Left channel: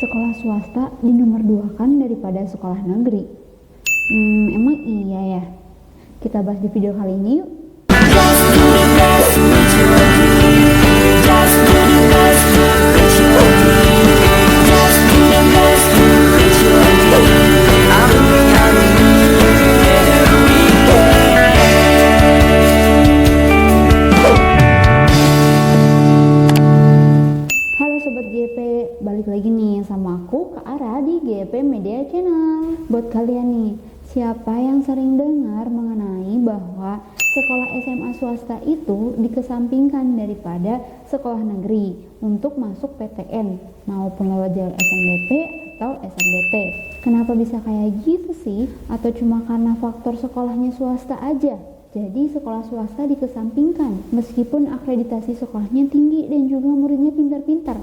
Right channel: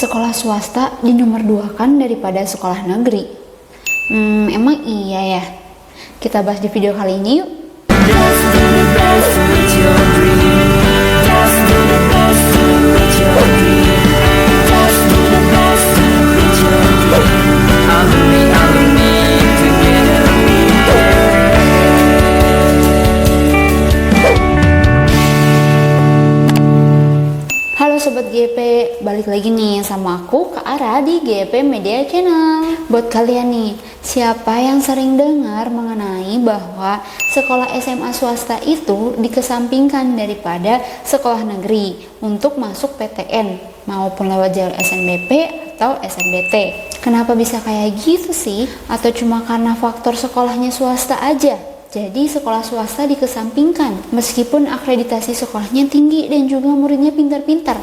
sekolah swasta di nomor 2 kan daripada sekolah negeri. Emang iya ya? Kita bahas di video kali ini yuk. Just do the best to reach your dream. Just do the best to reach your dream. Just do the best to reach your dream. I believe together we can. Halo Sobat GP, balik lagi nih sama aku Kak Ara di GP Media Channel. Buat kalian nih, siapa yang sering dengar mengenai bahwa sekolah SMA swasta itu dikesampingkan daripada sekolah negeri untuk masuk PTN maupun lewat jalur SNBP atau SNBT. Kenapa bisa kayak gitu sih? Atau cuma karena faktor sekolahnya swasta aja? Jadi sekolah swasta dikesampingkan meskipun akreditasi sekolahnya tinggi dan juga muridnya pintar-pintar.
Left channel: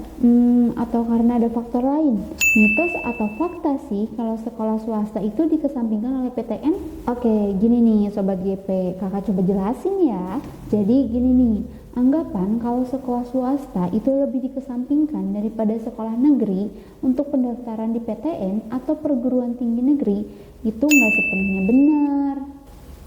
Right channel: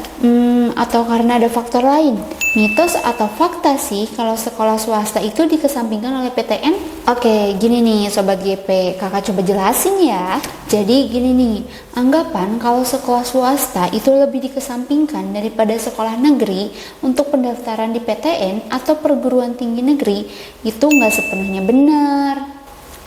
Atau karena ada faktor lain? Mitos atau fakta sih kalau sekolah swasta itu dikesampingkan oleh PTN? Oke, gini nih Sobat GP, kakak coba jelasin ya. Jadi gini nih, anggapan kalau sekolah swasta itu lebih dikesampingkan daripada sekolah negeri untuk pendaftaran di PTN atau perguruan tinggi negeri itu nggak sepenuhnya benar.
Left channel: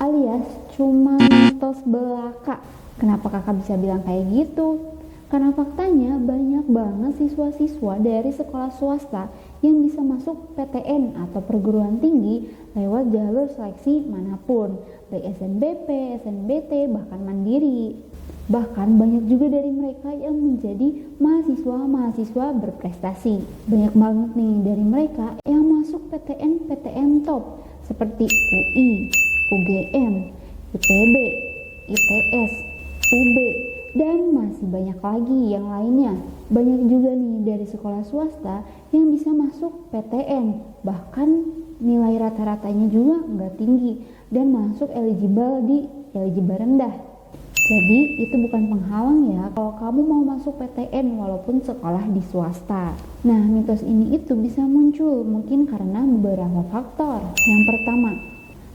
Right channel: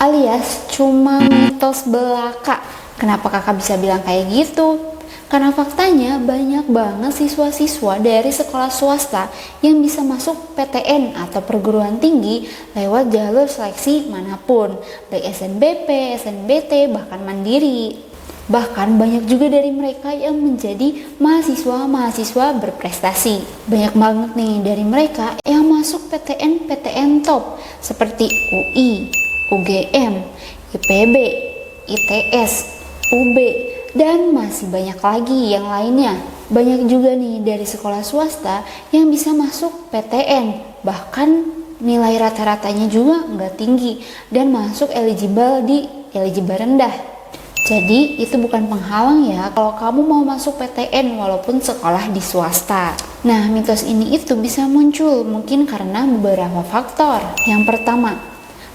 Alias cuma mitos belaka. Kenapa kakak bisa bilang kayak gitu? Karena faktanya banyak banget siswa-siswa dari sekolah swasta yang bisa masuk PTN atau perguruan tinggi lewat jalur seleksi manapun, baik SNBP, SNBT, bahkan mandiri. Bahkan banyak juga dari mereka yang menjadi mahasiswa-mahasiswa berprestasi. Banyak banget nih dari mereka yang masuk PTN top seperti UI, UGM, IPB, ITS, UB, dan masih banyak lagi yang lainnya. Banyak juga nih dari sekolah swasta yang bisa masuk PTN, bahkan nilai rata-ratanya juga nggak tinggi dan masuk eligible rendah. Jadi itu bukan penghalang ya kalau kamu mau masuk PTN walaupun sekolah di swasta. Nah, mitos ini itu bisa muncul mungkin karena beberapa faktor. Yang pertama,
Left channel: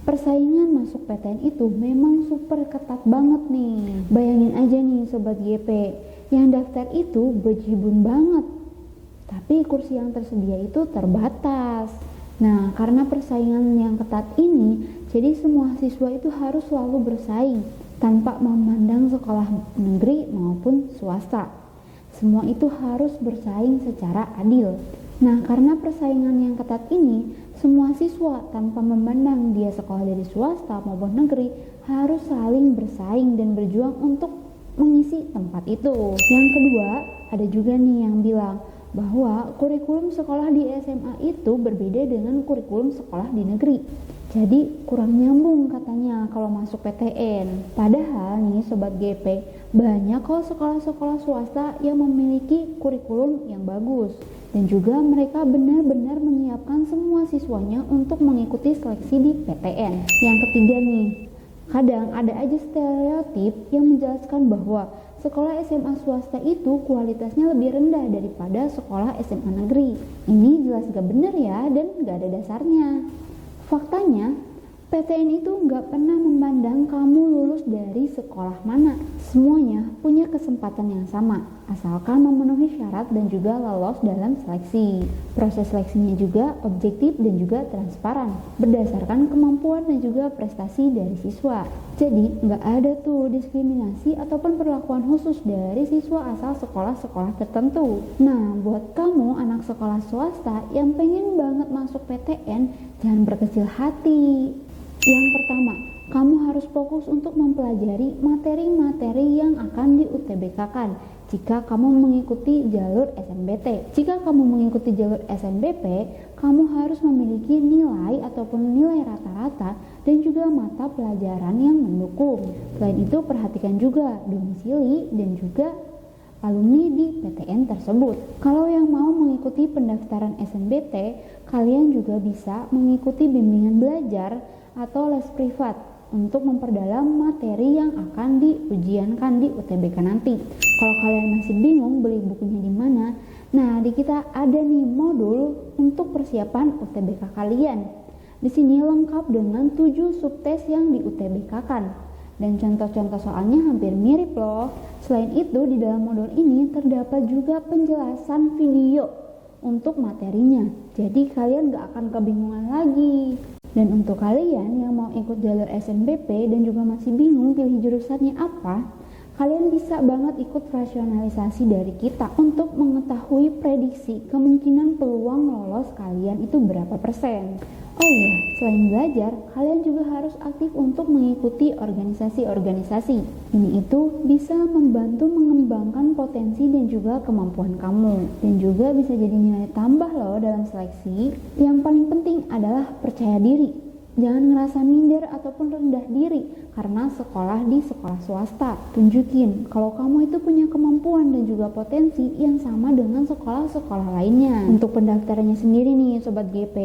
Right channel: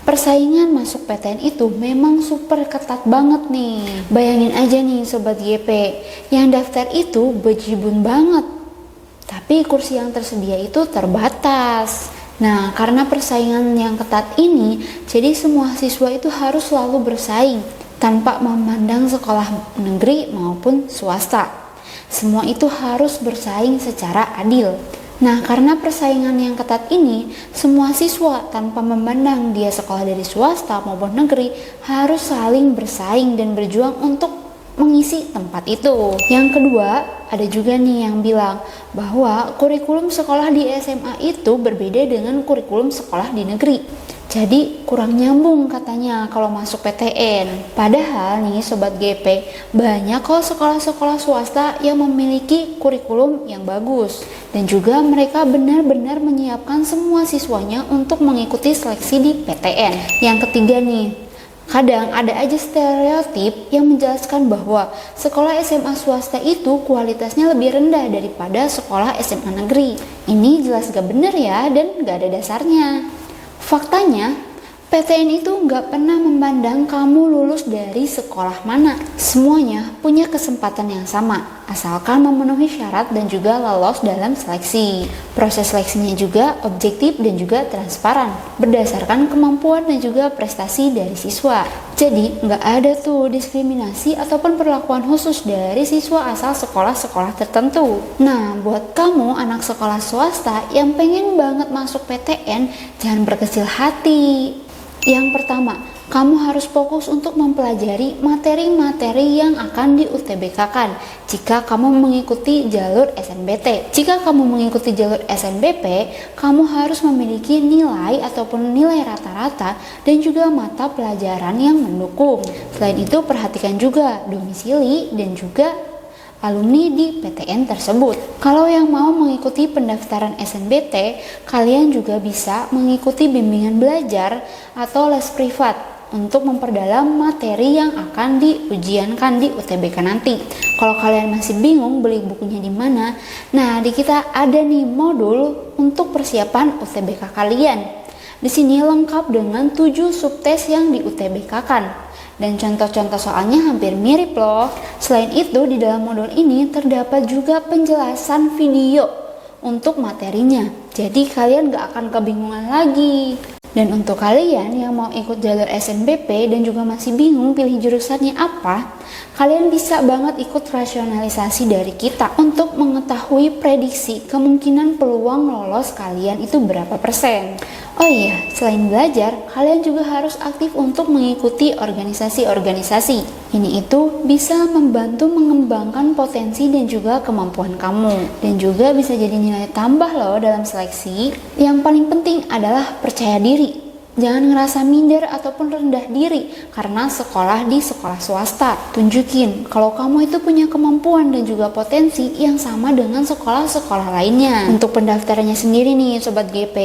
persaingan masuk PTN itu memang super ketat banget nih. Bayangin aja nih Sobat GP, yang daftar itu bejibun banget. Tapi kursi yang tersedia itu terbatas. Nah, karena persaingan yang ketat ini, jadi semua siswa itu harus selalu bersaing tanpa memandang sekolah negeri maupun swasta. Semua itu harus bersaing secara adil. Nah, karena persaingan yang ketat ini, semua siswa tanpa memandang dia sekolah dari swasta maupun negeri harus saling bersaing dan berjuang untuk mengisi tempat itu. Yang kedua, ada juga nih yang bilang bahwa kurikulum sekolah di SMA itu berbeda dengan kurikulum sekolah di negeri. Jadi kurang nyambung katanya kalau masuk PTN. Padahal nih Sobat GP, banyak kok sekolah-sekolah swasta yang memiliki kurikulum yang bagus. Dan juga mereka benar-benar menyiapkan semua siswanya untuk mengikuti seleksi di PTN. Yang ketiga nih, kadang ada aja stereotip yang menjelaskan bahwa sekolah SMA swasta itu kualitasnya lebih rendah daripada sekolah SMA negeri. Ini jelas gak bener ya dan gak ada dasarnya. Faktanya, PTN itu nggak pernah memandang kamu lulus dari sekolah mana. Semuanya punya kesempatan yang sama, asalkan memenuhi syarat dan juga lolos dalam seleksi. Proses seleksinya juga objektif dan juga transparan, berdasarkan kemampuan dan juga prestasi dari siswa. Jadi, nggak ada tuh diskriminasi ataupun perlakuan khusus dari siswa asal sekolah-sekolah tertentu. Nah, buat kamu anak sekolah swasta yang pengen banget masuk PTN, jangan berkecil hati. Yang pertama, kamu harus fokus untuk mempelajari materi-materi yang akan di UTBK-kan jika kamu mengikuti jalur SNBT. Jika kamu mengikuti jalur SNBP, kamu harus memiliki nilai ataupun nilai rata-rata dan juga mata pelajaran yang mendukung. Selain itu, perhatikan juga domisili dan juga alumni di PTN tersebut. Kalau yang mau mengikuti pendaftaran SNBT, kalian juga bisa mengikuti bimbingan belajar atau les privat untuk memperdalam materi yang akan diujiankan di UTBK nanti. Kalau kalian masih bingung beli bukunya di mana, nah di kita ada nih modul untuk persiapan UTBK kalian. Di sini lengkap dengan 7 subtes yang di UTBK-kan. Dan contoh-contoh soalnya hampir mirip loh. Selain itu, di dalam modul ini terdapat juga penjelasan video untuk materinya. Jadi kalian gak akan kebingungan lagi. Dan untuk kalian yang mau ikut jalur SNBP dan juga masih bingung pilih jurusannya apa, kalian bisa banget ikut rasionalisasi dari kita untuk mengetahui prediksi kemungkinan peluang lolos kalian itu berapa persen. Oh iya, selain belajar, kalian juga harus aktif untuk mengikuti organisasi-organisasi. Ini itu bisa membantu mengembangkan potensi dan juga kemampuan kamu. Dan juga bisa jadi nilai tambah loh dalam seleksi. Yang paling penting adalah percaya diri. Jangan ngerasa minder ataupun rendah diri karena sekolah di sekolah swasta. Tunjukin kalau kamu itu punya kemampuan dan juga potensi yang sama dengan sekolah-sekolah lainnya. Untuk pendaftarannya sendiri nih Sobat GP,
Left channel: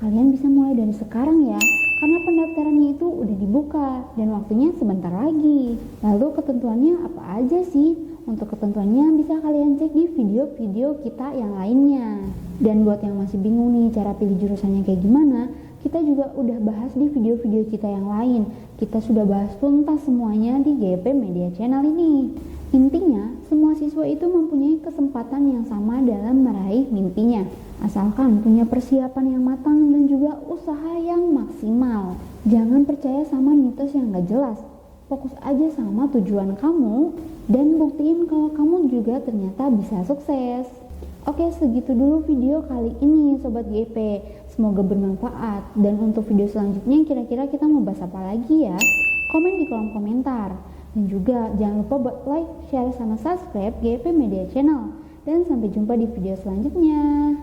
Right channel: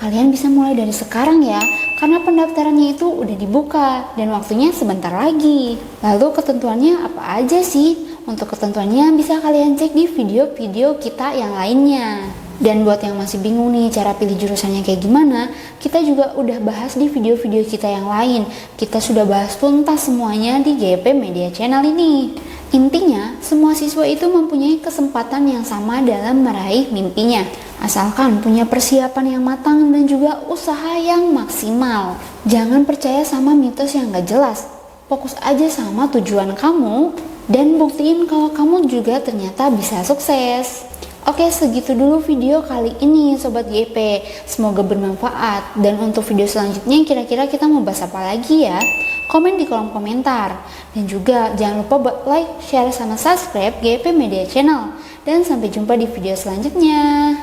kalian bisa mulai dari sekarang ya, karena pendaftarannya itu udah dibuka dan waktunya sebentar lagi. Lalu ketentuannya apa aja sih? Untuk ketentuannya bisa kalian cek di video-video kita yang lainnya. Dan buat yang masih bingung nih cara pilih jurusannya kayak gimana, kita juga udah bahas di video-video kita yang lain. Kita sudah bahas tuntas semuanya di GP Media Channel ini. Intinya, semua siswa itu mempunyai kesempatan yang sama dalam meraih mimpinya. Asalkan punya persiapan yang matang dan juga usaha yang maksimal. Jangan percaya sama mitos yang gak jelas. Fokus aja sama tujuan kamu dan buktiin kalau kamu juga ternyata bisa sukses. Oke, segitu dulu video kali ini Sobat GP. Semoga bermanfaat. Dan untuk video selanjutnya kira-kira kita mau bahas apa lagi ya? Komen di kolom komentar. Dan juga jangan lupa buat like, share, sama subscribe GP Media Channel. Dan sampai jumpa di video selanjutnya.